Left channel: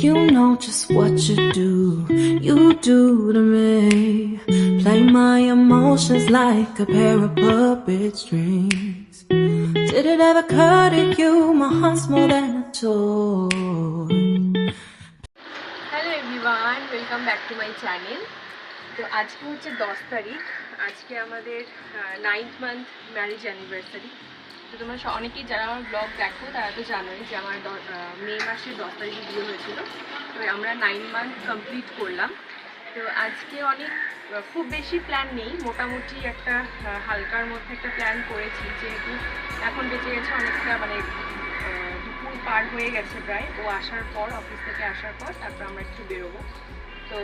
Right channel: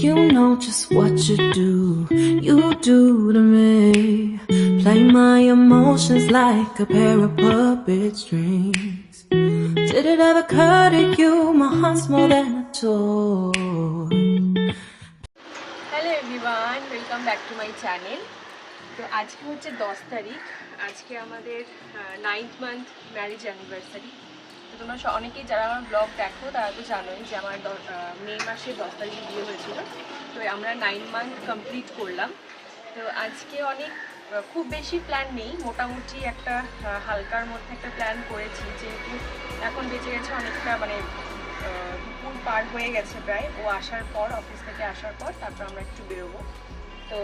You know just what you do to me. Play my emotions like a pair of puppet strings. Did it ever occur to you my heart's more than a toy? Hello everyone, welcome back to my channel. তো আজকে হচ্ছে 10 তারিখ, আজকে আমাদের 9th month marriage anniversary. তো তোমরা অনেকেই যারা আমার ব্লগ দেখো তারা তো জানোই যে আমার মে মাসের 10 তারিখে বিয়ে হয়েছিল। তো আমরা 9 মান্থ কমপ্লিট করলাম। তো আজকে অনেক খুব বেশি প্ল্যান নেই, মোটামুটি একটা হালকার মধ্যে একটা প্ল্যান করেছি, যেহেতু এখন বেঁচে গেছে অনেকটা মানে দুপুর পার হয়ে গেছে প্রায়। ও আসার পর, অফিস থেকে আসার পর তারপর আমরা একটু বেরোবো। তো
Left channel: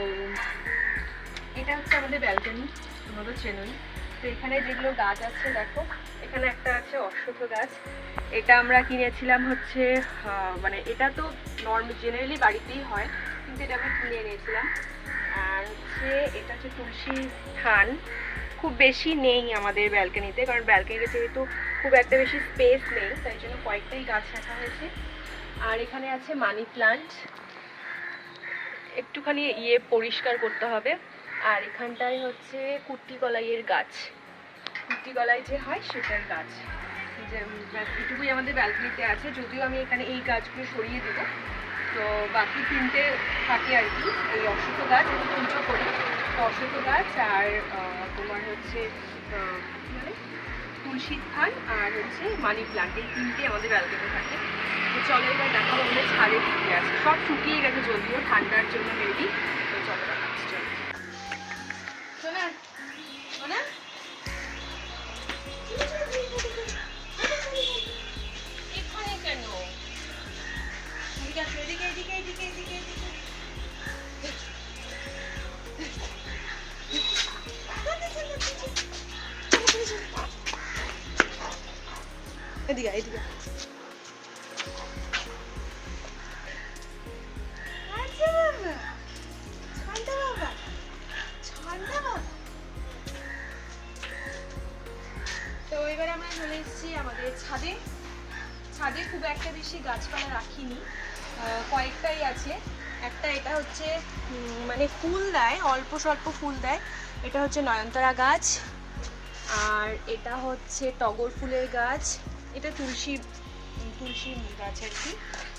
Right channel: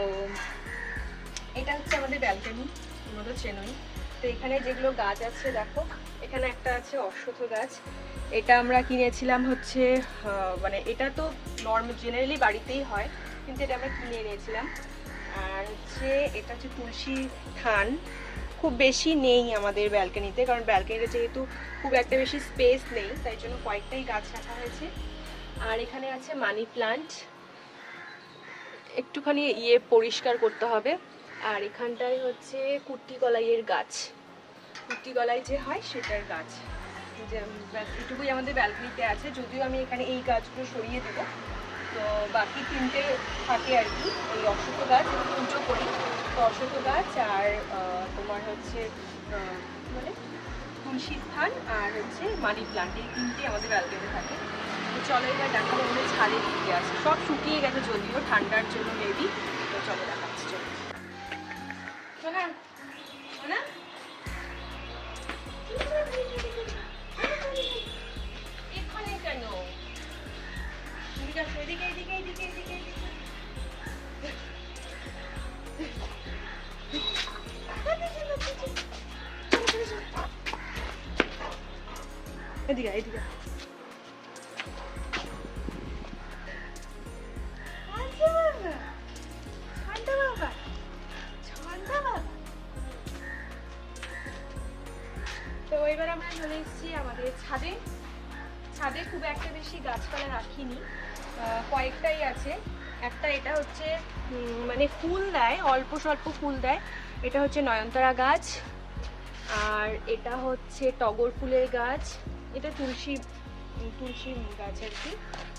এটা হচ্ছে আমাদের ব্যালকনি, তোমরা তো চেনোই। তো এখানে যেগুলো গাছ আছে দেখো, এখানে একটা আছে অশ্বত্থ গাছ। এটা আমরা কিনেছিলাম হচ্ছে মানে এটা তো জেনারেলি বাড়িতেই হয়, কিন্তু এটা আমরা কিনে এনেছিলাম। আর হচ্ছে এটা হচ্ছে তুলসী থান। খুব বেশি নেই আমাদের ব্যালকনিতে, কারণ ব্যালকনিতে যেহেতু খুব একটা বেশি স্পেস নেই, তাই জন্য কয়েকটাই গাছ রাখা হয়েছে। আর এখানে আছে মানি প্লান্ট, একটুখানি পরিষ্কার করতে হবে। আর এখানটায় হচ্ছে কুট্টি কলাইয়ের গাছ, কুট্টি কলাই যে হয় সেটার গাছ। যে এটুকুই আমাদের ব্যালকনিতে আছে, যদিও আমি এখানে এই গাছগুলো সরিয়ে দেবো। তো বাকি তিনটে থাকে আর কি, ওই অশ্বত্থ গাছ পুজো করি। তো অশ্বত্থ গাছ আর তোমার হচ্ছে মানে তুলসী স্থান আর হচ্ছে মানি প্লান্ট, এই তিনটে আমাদের ব্যালকনিতে থাকে। তো চলো এবার দেখাবো আমাদের ছাদে কী কী আছে। সব শুকিয়ে গেছে যদিও, ঠান্ডার জন্য মেবি। তো চলো দেখাচ্ছি, চলো শোনা শোনা। এখানে কেন? এদিকে এদিকে এদিকে এদিকে এদিকে। এদিকে এদিকে। তো এবার আমরা চলে এসেছি আমাদের ছাদে। ছাদে খুব একটা বেশি গাছপালা রাখিনি, কয়েকটাই আছে। একটা এটা হচ্ছে মানে ফুল দেয়, অল্প স্বল্প ফুল দেয়, এটা হচ্ছে নয়নতারা গাছ। আর এটা হচ্ছে টগর ফুলের গাছ, এটা তুলসী গাছ আর কি।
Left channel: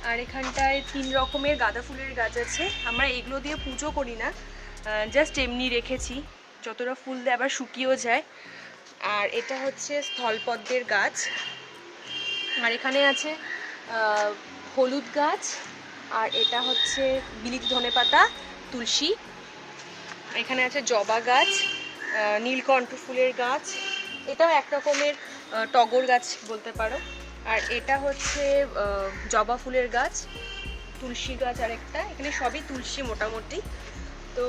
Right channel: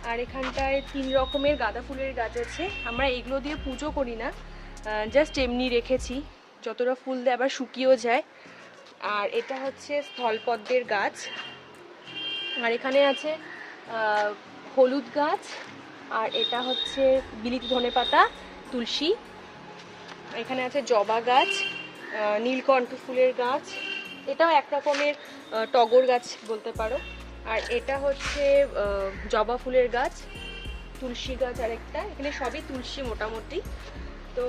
আর এখানটায় 3 রকমের গাঁদা ফুলের গাছ আছে। আমরা এগুলো দিয়ে পুজো করি না, জাস্ট এমনি রেখেছি, যতটা ফুল দেয় আবার শুকিয়েও যায়। আর এটা হচ্ছে স্থলপদ্মের গাছ। আর এখানে আছে হলুদ গাছ। আর এটা হচ্ছে বিলিতি ধনেপাতা, তুলসী। এখানে আছে জবা গাছ, নীলকণ্ঠ ফুলের গাছ, এটাও এক রকমের টগর গাছ বলতে পারো। আর এটা হচ্ছে জবা ফুলের গাছ, তুলসী গাছ আরেকটা। এখানে সবই তুলসী মোটামুটি। তো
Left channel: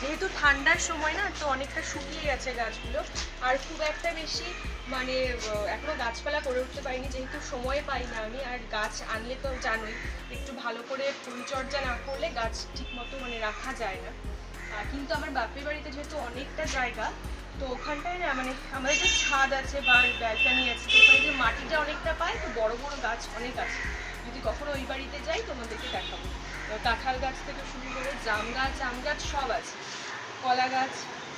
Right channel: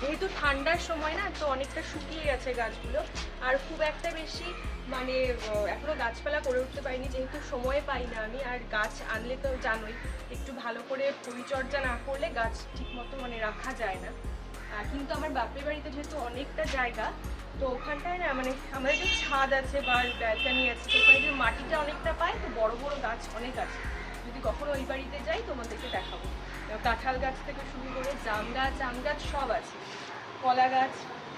যেহেতু ঠান্ডার সময় না, তো অনেকটা শুকিয়ে গেছে গাছগুলো। আর খুব একটা বেশি মানে এখনো গাছপালা করে উঠতে পারিনি, যেহেতু সময় পাই না আমি। আর গাছ আনলে তো জানোই, একটু ভালো করে পরিচর্যা না করলে গাছ ঠিক মতো মানে রাখা যায় না। কিন্তু আমার বাপের বাড়িতে যেহেতু অনেকটা জায়গা, তো ওখানটায় না মানে আমাদের যে ছাদ আছে বা ব্যালকনি আছে, তো ওখানে যে মাটিটা অনেকটা পায়, তো বড় বড় গাছ অনেক আছে। যদি কখনো ওই বাড়িতে যাই তোমাদেরকে দেখাবো। কাঁঠাল গাছ থেকে শুরু করে জাম গাছ, আম গাছ সব আছে, কলা গাছ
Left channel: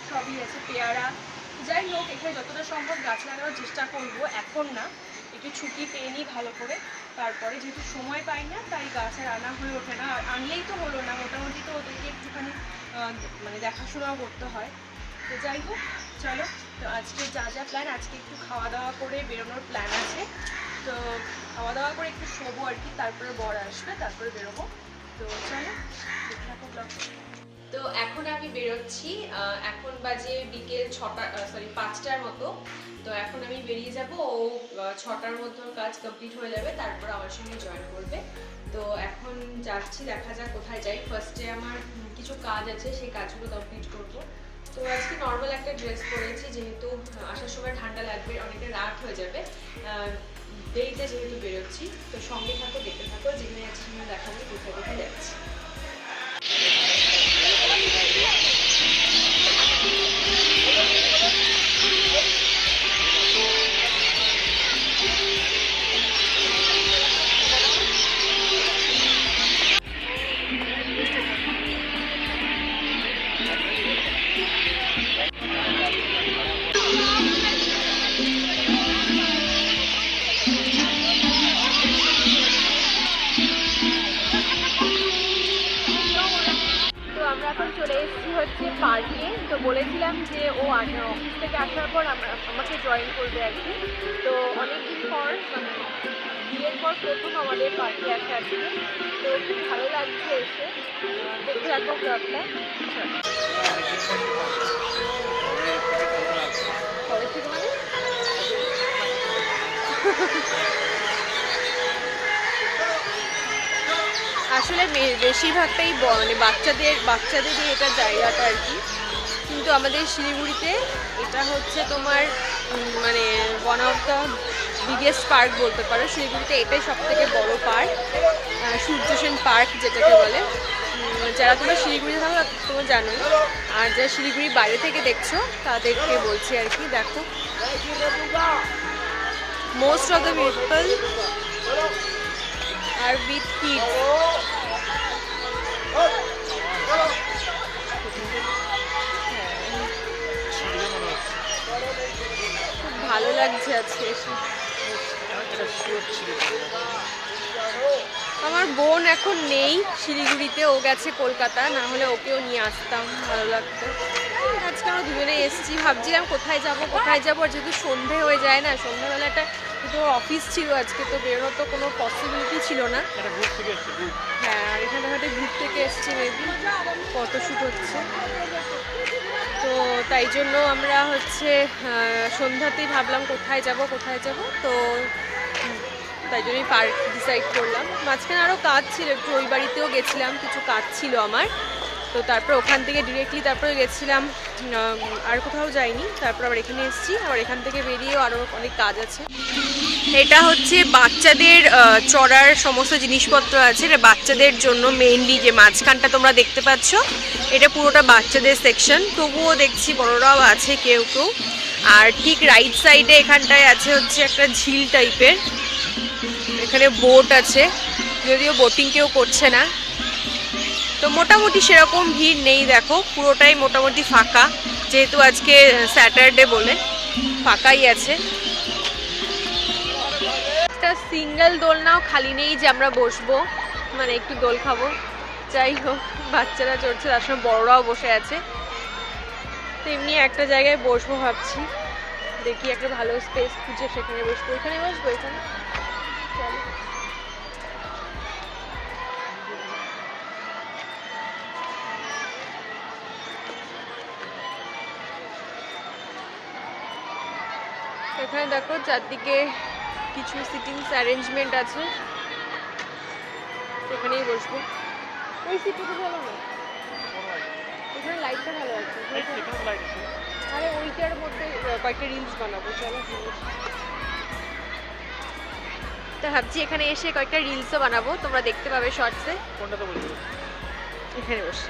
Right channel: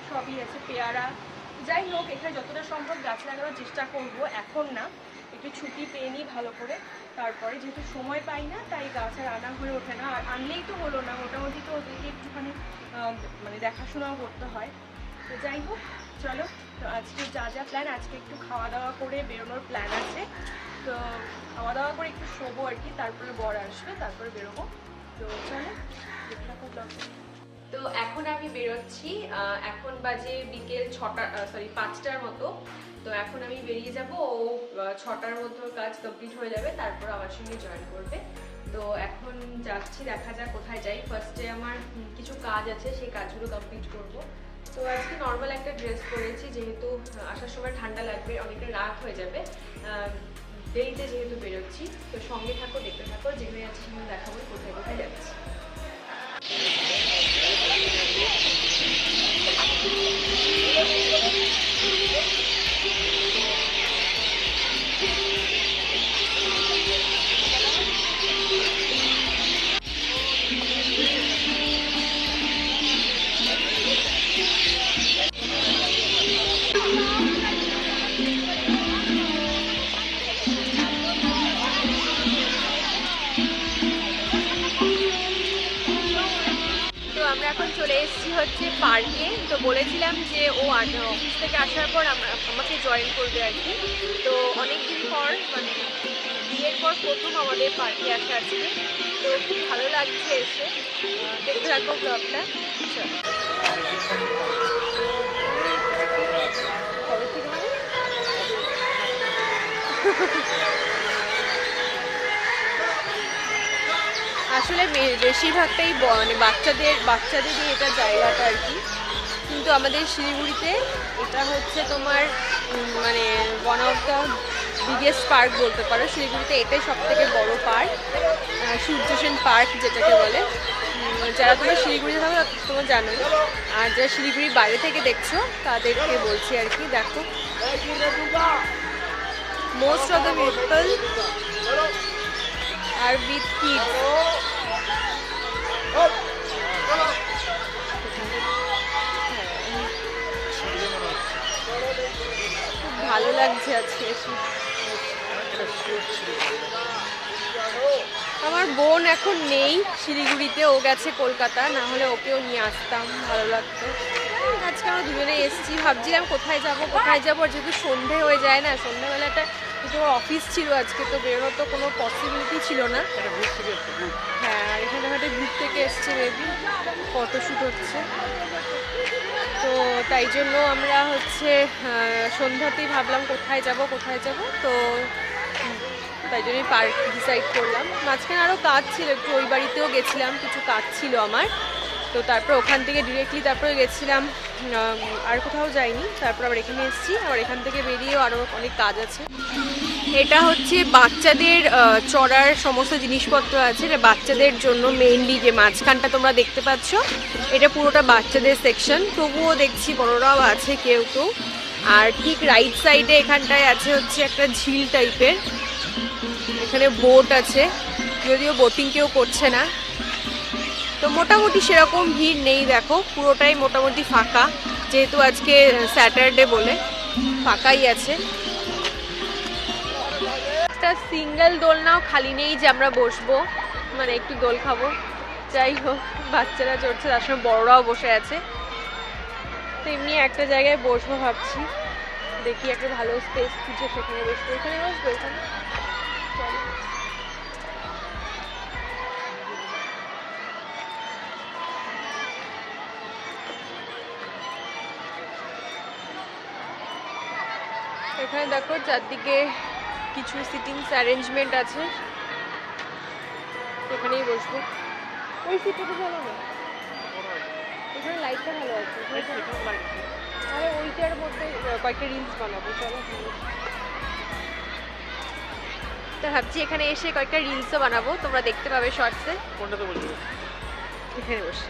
সবই আছে, পেয়ারা। যাই হোক, এখানে যতটা সম্ভব গাছ লাগানোর চেষ্টা করব। এখন না, একটু ছুটি পেয়ে নিই ভালো করে, তারপরে যেহেতু সময় পাই না, তাই গাছ আর আনা হয়ে ওঠে না। আর আনলেই তো হলো না, মোটামুটি তো ওদেরকে একটুখানি মানে দেখাশোনাও করতে হয়। তো যাই হোক, চলো। তো আজকে যা যা প্ল্যান, আজকে একটু খাওয়া দাওয়া করে বেরোনোর প্ল্যান আছে। তো খাওয়া দাওয়া করে একটু শোবো আর কি, তারপরে বর আসবে, তারপরে বেরোবো। তো চলো দেখে থাকো ব্লগ। তো এখন আমি বেরোচ্ছি, এখন বাজে বিকেল 5টার মতো। তো এখন আমি বেরিয়ে যাব, ও 6টার মধ্যে কাজ কমপ্লিট হয়ে যাবে, তারপর আমার সঙ্গে জয়েন করবে। তো এখন যাচ্ছি, দেখা যাক কোথায় যাই। ফার্স্টে আমার কিছু কাজ আছে, সেই কাজগুলো কমপ্লিট করব। তো আজকে নর্মাল একটা ড্রেস পরেছি, যেহেতু আসার সময় ঠান্ডা লাগবে, অনেকটা রাত হয়ে যাবে দেরিতে যেহেতু বেরোচ্ছি। তো সঙ্গে থাকো, দেখতে থাকো, যেখানে যাচ্ছি সেখানে দেখাবো কোথায় কোথায় যাচ্ছি। এখন চলে এসেছি হচ্ছে পার্কে। তো বলেছিলাম যে ও অফিস থেকে আসার পর আমাকে জয়েন করবে আর কি। তো অনেকদিন পর মানে বিয়ের পর প্রথম আমাদের পার্কে আসা আজকে। তো খুব ভালো লাগছে এসে। দেখতে থাকবো ব্লগটা। কবে থেকে মানে আসলে বেশিরভাগটাই মানে বাচ্চাদেরই এটা জায়গাটা আর কি। কিন্তু আমাদের শিলিগুড়িতে এটা হচ্ছে তোমার মানে one of the biggest park বলতে পারো। শিলিগুড়িতে এটাই সব থেকে বড় পার্ক, সূর্য সেন পার্ক যেটাকে বলে। যারা তোমরা শিলিগুড়িতে থাকো তোমরা জানোই, আর যারা শিলিগুড়ির বাইরে থেকে দেখছো তাদেরকে বলছি আর কি। দেখো most of the people are with kids. খুব ভালো লাগছে আজকে এসে। আমার বোন এখন নেই শিলিগুড়িতে, ও গেছে কলকাতা, না হলে ওকেও নিয়ে আসতাম, ভালো লাগতো। আজকে আমরা দুজনে এসেছি, ভাবছিলাম কোথায় যাব আর যেহেতু সন্ধে হয়ে যায় না, সন্ধ্যেবেলাটা কিন্তু ওর অফিস ছিল আজকে, তো বেরোনোর তো কোনো পসিবিলিটি ছিল না। হ্যাঁ, আর এখানে হয়তো ঘুর থেকে এসছে, মেবি ফটোশ্যুট হচ্ছে। তো তাই জন্য আমরা হচ্ছে সন্ধ্যাতেই ভাবলাম কোথায় যাব। তো তাই জন্যই পার্ক ডিসাইড করলাম। মাঝখানে আরও কাজ ছিল, একটু ওই বাড়িতেও গেছিলাম, কিছু কাজ ছিল আমার। তো তারপর ওখান থেকে ডিরেক্টলি তারপরে গেছিলাম, আর কোথাও যাইনি। তারপর আবার এখানে এসেছি, আবার এখান থেকে বেরিয়েও আরও অনেক কাজ আছে। এটা হচ্ছে বাচ্চাদের চড়ার সমস্ত জিনিসপত্র আছে, এটা বাচ্চাদের জন্য মেইনলি। যে মাঝখানটা তোমরা দেখতে পাচ্ছ এটা পুরোটা বাচ্চাদের সেকশন, তবুও দেখছি বড়রাও আছে কেউ কেউ। আর ঠিক রাইট সাইডে এখানটায় আছে হচ্ছে একটা ঝিল টাইপের, এখানে বোট আছে, যদিও বোটিং কেউ করছে না। তো মোটামুটি সেরকম ভিড় নেই, দেখো পুরোটাই মোটামুটি ফাঁকা, যেহেতু আজকে স্যাটারডে বলে ফাঁকাই আছে। একটা সিঙ্গেল দোলনাও খালি নেই যে আমরা বসবো, মানে একটু দোল খাবো। যাই হোক, বাচ্চারা চড়ছে, তার সঙ্গে বড়রাও বসে আছে। তো এমনি একটা জায়গায় বসবো ভাবছি, দেখি একটা ভালো স্পেস খুঁজে সেখানে বসবো। এখানে বসবো, এখানে চলো। এখানে দেখো চারদিকে কিছু সিটিংস অ্যারেঞ্জমেন্ট আছে, এখানেই বসবো। ওই সিটটা ভালো হয়, ওখানে লাইটটা ভালো আছে। আরে ওইটার মধ্যে কয়েকটা রিলস বানাবো, চলো। তা ভাবছি এখানে এসে কয়েকটা রিলসও বানাবো, তোমরা দেখতে পাবে শর্টসে। এখানে বসে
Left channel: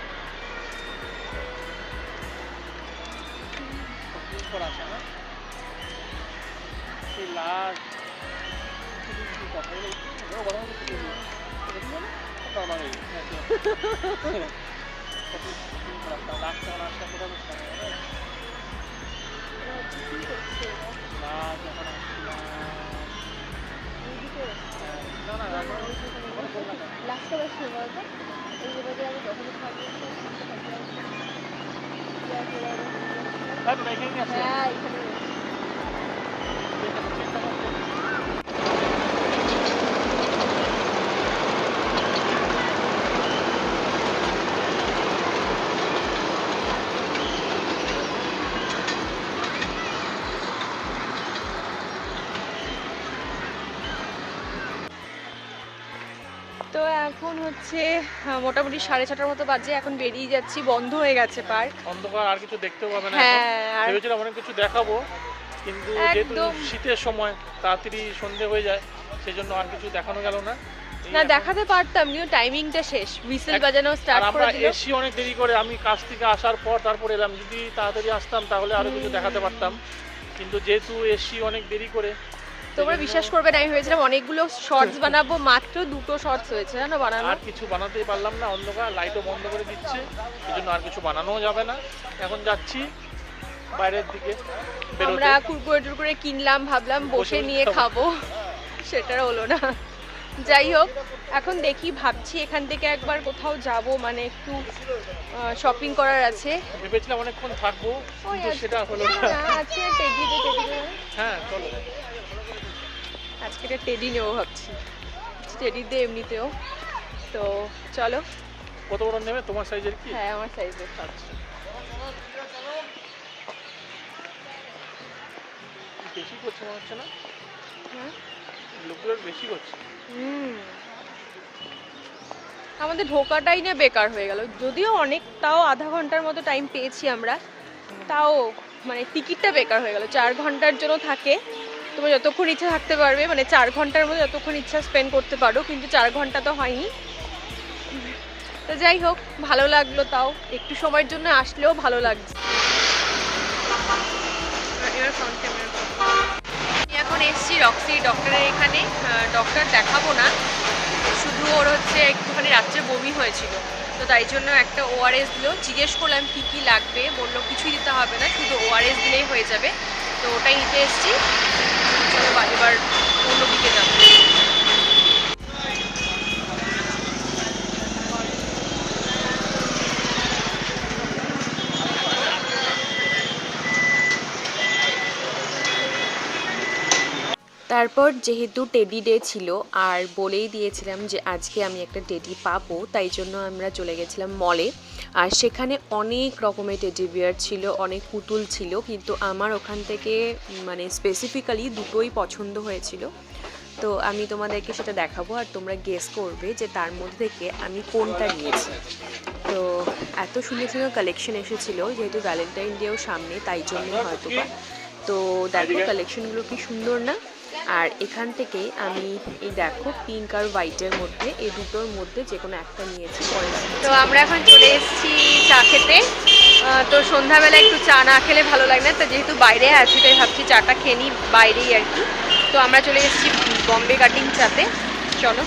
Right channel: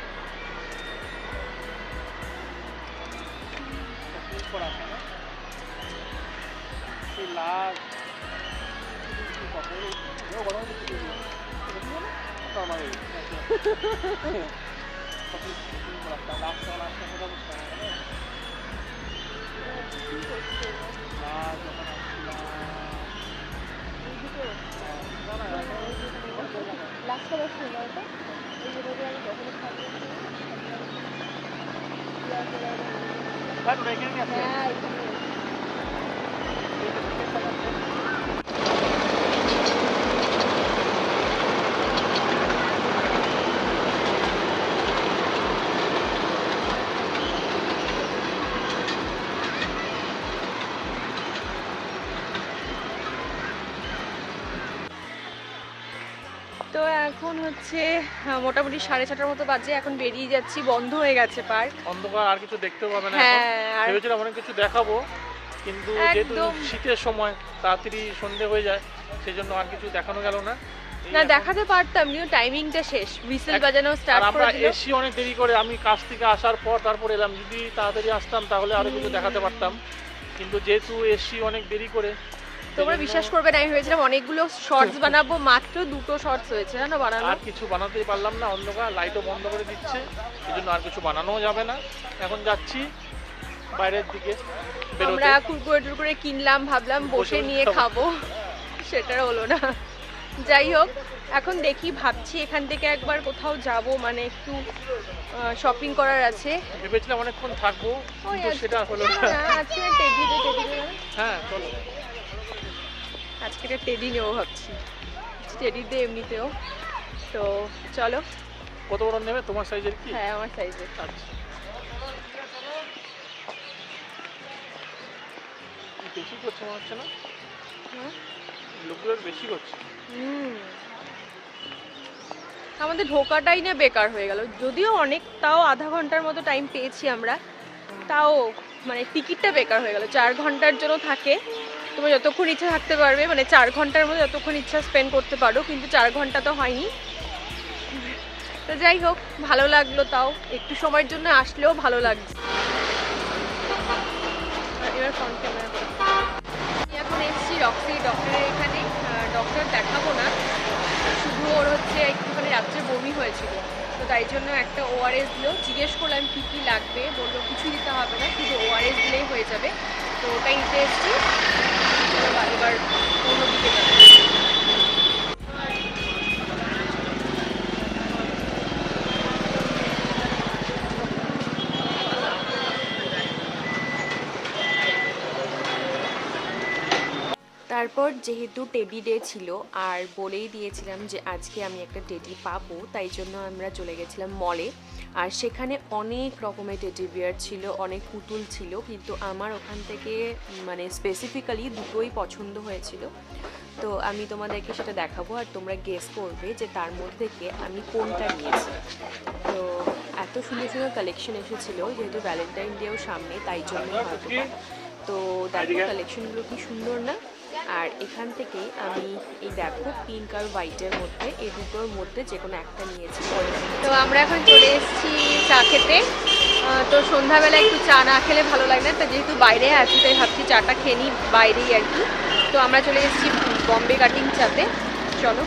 তো এখন হচ্ছে মোটামুটি 6:30টার মতো বাজে, এখন বেরিয়ে যাচ্ছি, বন্ধ হয়ে গেছে পার্ক, অন্ধকার, আর কিছু দেখতেও পাবে না। এখন ভেবেছিলাম অনেক কিছু দেখাবো, কিন্তু যেহেতু শীতের সময় তাড়াতাড়ি সন্ধে হয়ে যায়, সেজন্য আর কিছু দেখানো গেল না। না দেখাতে পারতাম, কিন্তু টাইমিংটা শেষ, হুইসেল বাজানো স্টার্ট করে দিল। আমরা এসি অনেক দেরি করে, আমি কাজ থেকে আসার পর তারপর এলাম, যদি তাড়াতাড়ি আসতাম তাহলে আরো কিছু দেখাতে পারতাম, কিন্তু যেহেতু এসি অনেক দেরি করে। তোমরা বিশ্বাস করবে না, আমি ভেবেছিলাম অনেকগুলো শর্টস বানাবো, মাত্র 2টো শর্টস হয়েছে জানো বানানো। আর কিছু বানাতেই পারলাম না, অন্ধকার, লাইটও বন্ধ করে দিচ্ছে, এজন্য আর কিছু বানানোও যাবে না। এখন যাচ্ছি বাইরের দিকে, আমরা কুরকুরে টুরকুরে কিনলাম, ভাবলাম বসে নিয়ে খাবো, সেটা হলো না। যাই হোক, এখন দেখি, ভাবছি এখান থেকে একবার কোথাও যাব, মানে একটু শপিং করার আছে। ভেবেছিলাম অনেকক্ষণ থাকবো, কিন্তু সেটা হলো না। আজকে টেডি হ্যাঁ চলো, আজ থেকে টেডি নেবো ভাবছি, টেডি দে এমনিতেও। তো চলো। কত বড় নেবে, তোমার সাইজের কি? হ্যাঁ আমার সাইজের। আচ্ছা, বেশি করছে মনে হচ্ছে না? হ্যাঁ লোকগুলোর বেশি করছে। আমাদের ঢোকাটাই না বেকার হয়ে গেল, যদিও অনেক, তাও আধা ঘন্টার মতো টাইম পেয়েছি আমরা, তাও মানে টিকিটটা বেকার হয়ে গেল। 4 ঘন্টার জন্য থাকে, তুমি যতক্ষণ ইচ্ছা থাকতে পারবে, মানে 4 ঘন্টার মধ্যে যতক্ষণ ইচ্ছা স্পেন্ড করতে পারো, কিন্তু 4 ঘন্টা তো হয়নি। তো যাই হোক, ভালো লাগলো, তাও একটু সময়ের জন্য আসলেও ভালো লাগছে। এখন এসছি রক্সি ডক্টরের এখানে। ডক্টর দেখাবো না, শুধু ওর হচ্ছে একটুখানি রাত্রে বমি হয়েছিল, তো তাই জন্য একটা ওআরএস দিল। জিজ্ঞেস করলাম কী কী লাগবে, বললো কিছুই দিতে হবে না, শুধু ওআরএস দিলেই হয়ে যাবে। তো ওটাই নিতে এসছি। চলো এবার অন্যদিকে যাবো। তারপর যেহেতু টেডি ডে ছিল, আর বলেই দিয়েছিলাম যে আজকে আমি একটা টেডি পাবো, তাই জন্য আমরা চলে গেছিলাম মলে। আর সেখানে অনেক রকমের টেডি বিয়ার ছিল, অনেক পুতুল ছিল, কিন্তু আমার ওখান থেকে মানে স্পেসিফিক্যালি দুটোই পছন্দ হয়েছিল। তো আমি তোমাদেরকে সেটা দেখাবো, আর তোমরা গেস করবে যে তার মধ্যে থেকে আমি কোনটা নিয়েছি। তো এত সুন্দর সুন্দর কালেকশন এসেছিলো, যেহেতু ভ্যালেন্টাইন ডেও সামনে, তাই জন্যই হয়তো বা। তো দেখো কালেকশনগুলো কি সুন্দর না। আর এখান থেকে আমি এই দেখো পিঙ্ক আর হোয়াইটের মধ্যে, এই দুটোর মধ্যে যে কোনো একটা নিয়েছি। তো আমরা এখন চলে এসেছি চা খেতে। তো সন্ধ্যাবেলা একটু চা না খেলে ভালো লাগে না, তো যেহেতু বাইরে আছি তাই ভাবছি চাটা খেয়ে নিই বাইরেই আর কি। তো আমরা চলে এসেছি বম্বে কাটিং চাতে, চলো।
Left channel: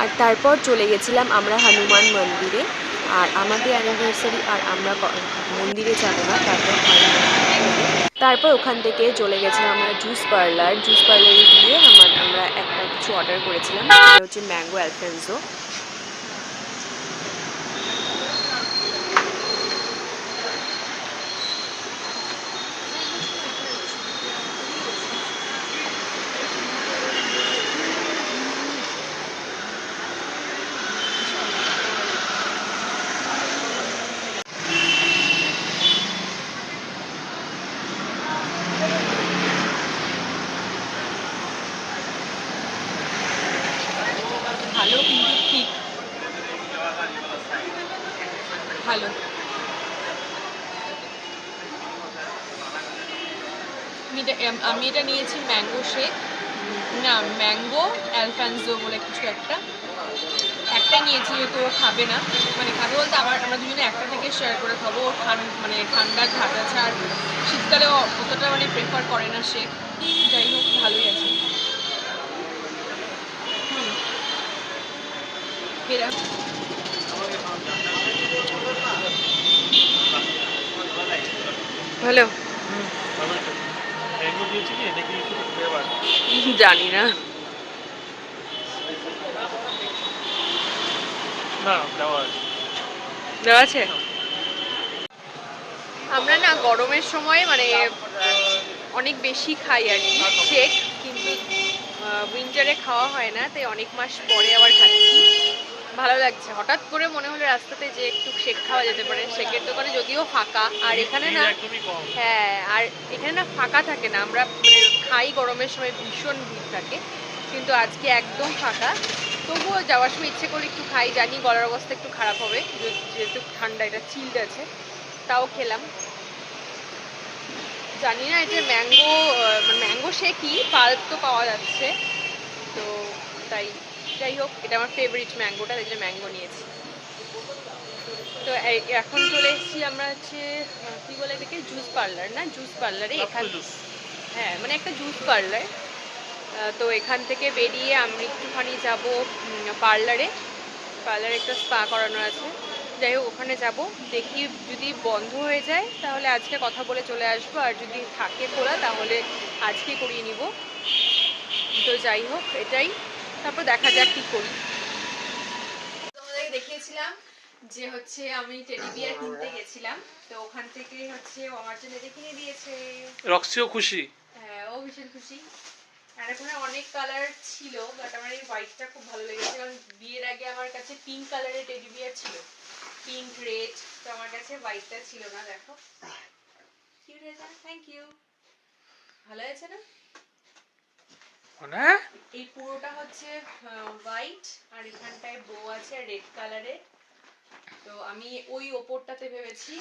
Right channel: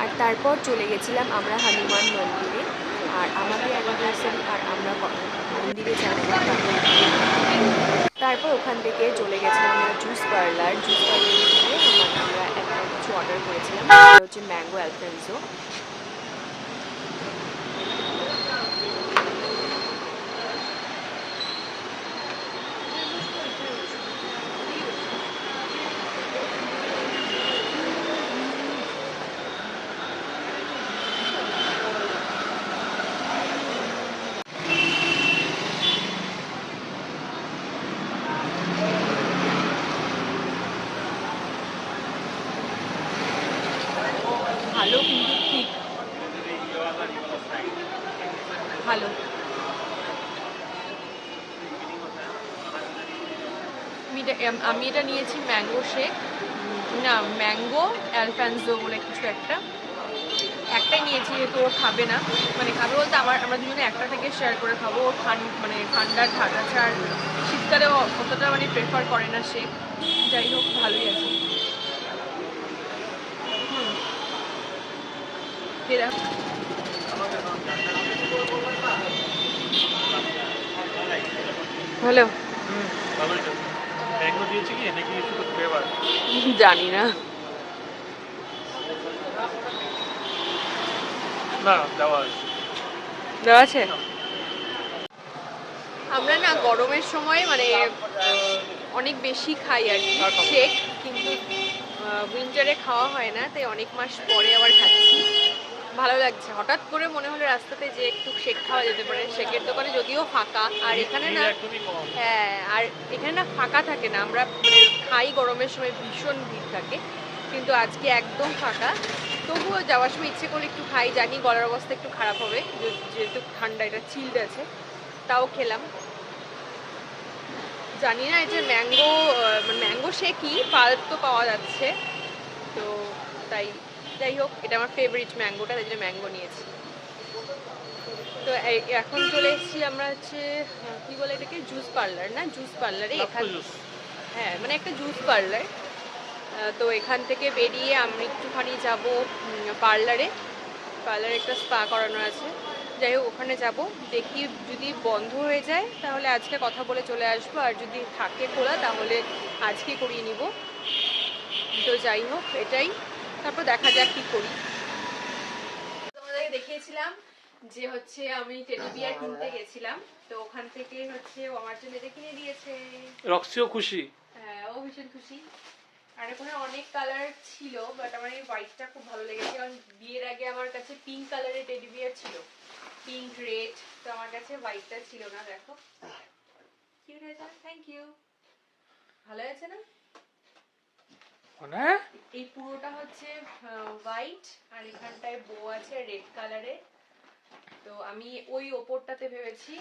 আর তারপর চলে গেছিলাম আমরা হনুমান মন্দিরে। আর আমাদের অ্যানিভার্সারি, আর আমরা মন্দিরে যাবো না, তারপর ওখান থেকে চলে গেছিলাম আমরা জুস পার্লারে গিয়ে আমরা একটা কিছু অর্ডার করেছিলাম, সেটা হচ্ছে ম্যাঙ্গো অ্যালফেন্সো। ভালো, কিন্তু ঠিক ভালো। আমি এটা নিয়েছি ম্যাঙ্গো শেক, না ম্যাঙ্গো অ্যালফানসো বলে কিছু একটাই নিয়েছি, যেহেতু ও খাবে না, মানে খাবে বলতে আমরা দুজনে একটা থেকে শেয়ার করে খাবো। ও মানে ঠান্ডার ধার আছে, আর শীতকালে অতটা মানে প্রেফার করে না শেক। যাই হোক ভালোই আছে। এরা ভালো। ম্যাঙ্গো দিয়েছে কি নাকি শুধু ফ্লেভার জানি না, না দেওয়া আছে। আমরা না গরমের সময় মানে অনেক বেশি খাই আর কি শেক, কিন্তু উইন্টারে খাওয়া হয় না, তাই অনেক মাস পরে আবার খাচ্ছি। ভালো লাগছে। হঠাৎ করে মনে হলো রাস্তাতে যে একটু শেক খাওয়া যেতে পারে। শেকের দোকানে যদিও ফাঁকা, আর এখানে না, একদমই কম। হ্যাঁ, আর এখানে না ফাঁকা থাকে না। আমরা মানে খাই গরমের সময় ভীষণ ভিড় থাকে, কিন্তু আজকে একদম ফাঁকা। তবুও যাওয়ার সময় ইচ্ছে করলে একটু খাই, জানি গলার অবস্থা একটু খারাপ হবে যেহেতু ঠান্ডা, এটা চিল্ড আছে, তাও খেলাম। জানি না এটা ম্যাঙ্গো, মানে ম্যাঙ্গো শেকই, পাল্প তো পাওয়া যাচ্ছে, তো তাই যাই হোক, এটা আমার ফেভারিট ম্যাঙ্গোটা, তাই জন্য ম্যাঙ্গো নিয়েছি। তো এখন চলে এসেছি আমরা হচ্ছে কি বলে এটাকে, জুস পার্লার না, জুস পার্লারে এখান, হ্যাঁ মানে একটা জুস পার্লার। তো এখান থেকে বেরিয়ে আমি একটুখানি যাব পার্লারে, পার্লারে একটা স্পা করানো আছে, যাই হোক ওখানে যাব। দেখি যদি বন্ধ হয়ে যায় তাহলে আজকে কথা বলে চলে আসবো, আর যদি থাকে খোলা তাহলে আজকে করিয়ে নিব। তো যাই হোক এটাই, তারপর দেখা যাক কি করি। তোমাদেরকে দেখিয়েছিলাম যে হচ্ছে আমি টেডি বিয়ার কিনতে গেছিলাম, তো ওখান থেকে হচ্ছে ও আমার জন্য এটা কিনে দিয়েছে। রক্সিও খুশি। হ্যাঁ, ও ভীষণ খুশি। আর এখানে অনেক কালার ছিল, বাট আমার এই হোয়াইটটা খুব ভালো লেগেছে, কারণ বিয়ের আগে আমার কাছে পিঙ্ক কালারের টেডি বিয়ার ছিল, পিঙ্ক রেড, তো আমার কাছে হোয়াইটটা ছিল না। দেখো কিউট হয়েছে, থ্যাংক ইউ। ভালো হয়েছে না? মানে এই পুরোটা হচ্ছে হোয়াইট, আর এখানটায় বো আছে রেড কালারের। তো আমি ওই ওপরটাতে ভেবেছি।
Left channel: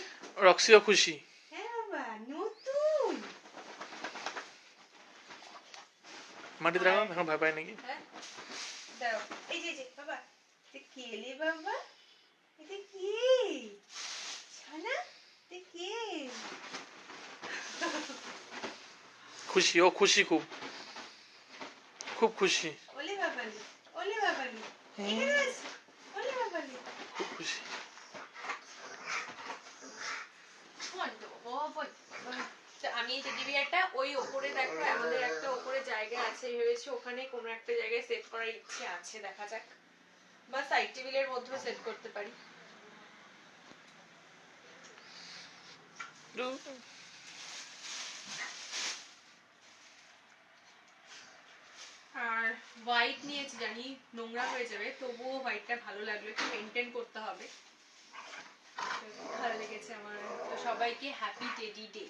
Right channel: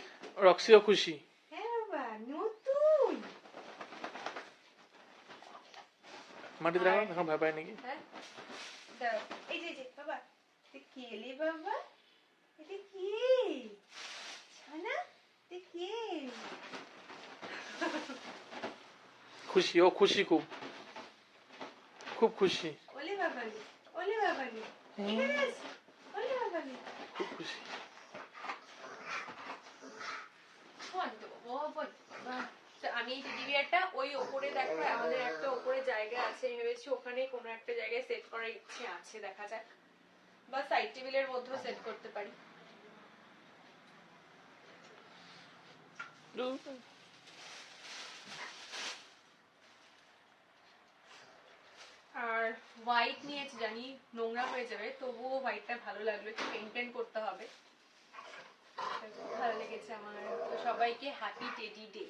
রক্সিও খুশি। হ্যাঁ বাবা, নতুন। মাটিতে রাখো, এখন ভয় পাই নাকি? হ্যাঁ দাঁড়াও, এই যে বাবা, তুই কি এলি বাবা? এটা কি ছানা? তুই কি? খুশি, ও খুশি, খুব খুব খুশি, ওলে বাবালি, ওলে বাবালি, এখানে আস, ওলে বাবালি, খুব খুশি। আমি এই টেডি বিয়ারটা ওই ওপরে, দেখো আমাদের একটা ওপরে জায়গা আছে, ভেবেছি ওখানে কোনো একটা জায়গায় সেট করার ইচ্ছে আছে, দেখা যাক, বা সাইড টেবিলের মধ্যেও সেট করতে পারি। আর হোয়াইট নিয়েছি, জানি নোংরা হয়ে যাবে, তবুও হোয়াইটটা ভালো লাগলো, একটু মেনটেন করতে হবে, ভালো লেগেছে আমার। তো সবাইকে হ্যাপি টেডি ডে।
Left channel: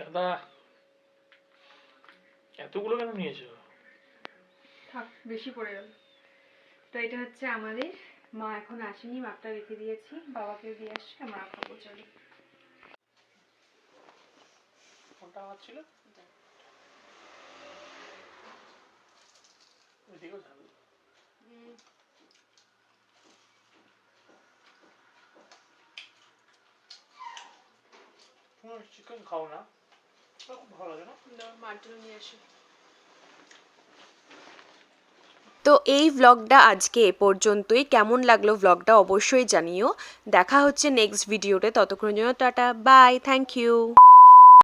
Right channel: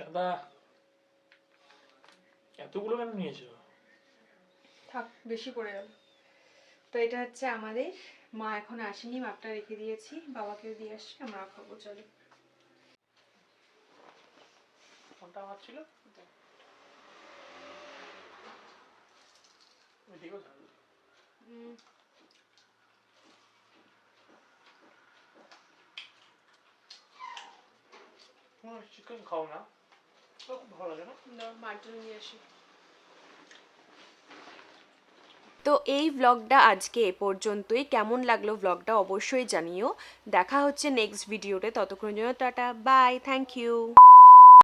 দাদা, এতগুলো কেন নিয়েছো? থাক, বেশি পড়ে গেল। তো এটা হচ্ছে আমাদের, মা এখন আসেনি, মাপটা রেখে দিয়েছি, বাবাকে দিয়ে আসছি, আমরা খাবো, চলো। কোনটা আমার ছিল? ওইদিকেও ঝাল। চিকেন খাও না, খুব ভালো লাগে না? মার জন্য নিয়ে আসি। তো এই ভ্লগটা আজকে এ পর্যন্তই। কেমন লাগলো ভ্লগটা অবশ্যই জানিও। দেখা হচ্ছে নেক্সট ভিডিওতে, ততক্ষণের জন্য টাটা, বাই, থ্যাংক ইউ।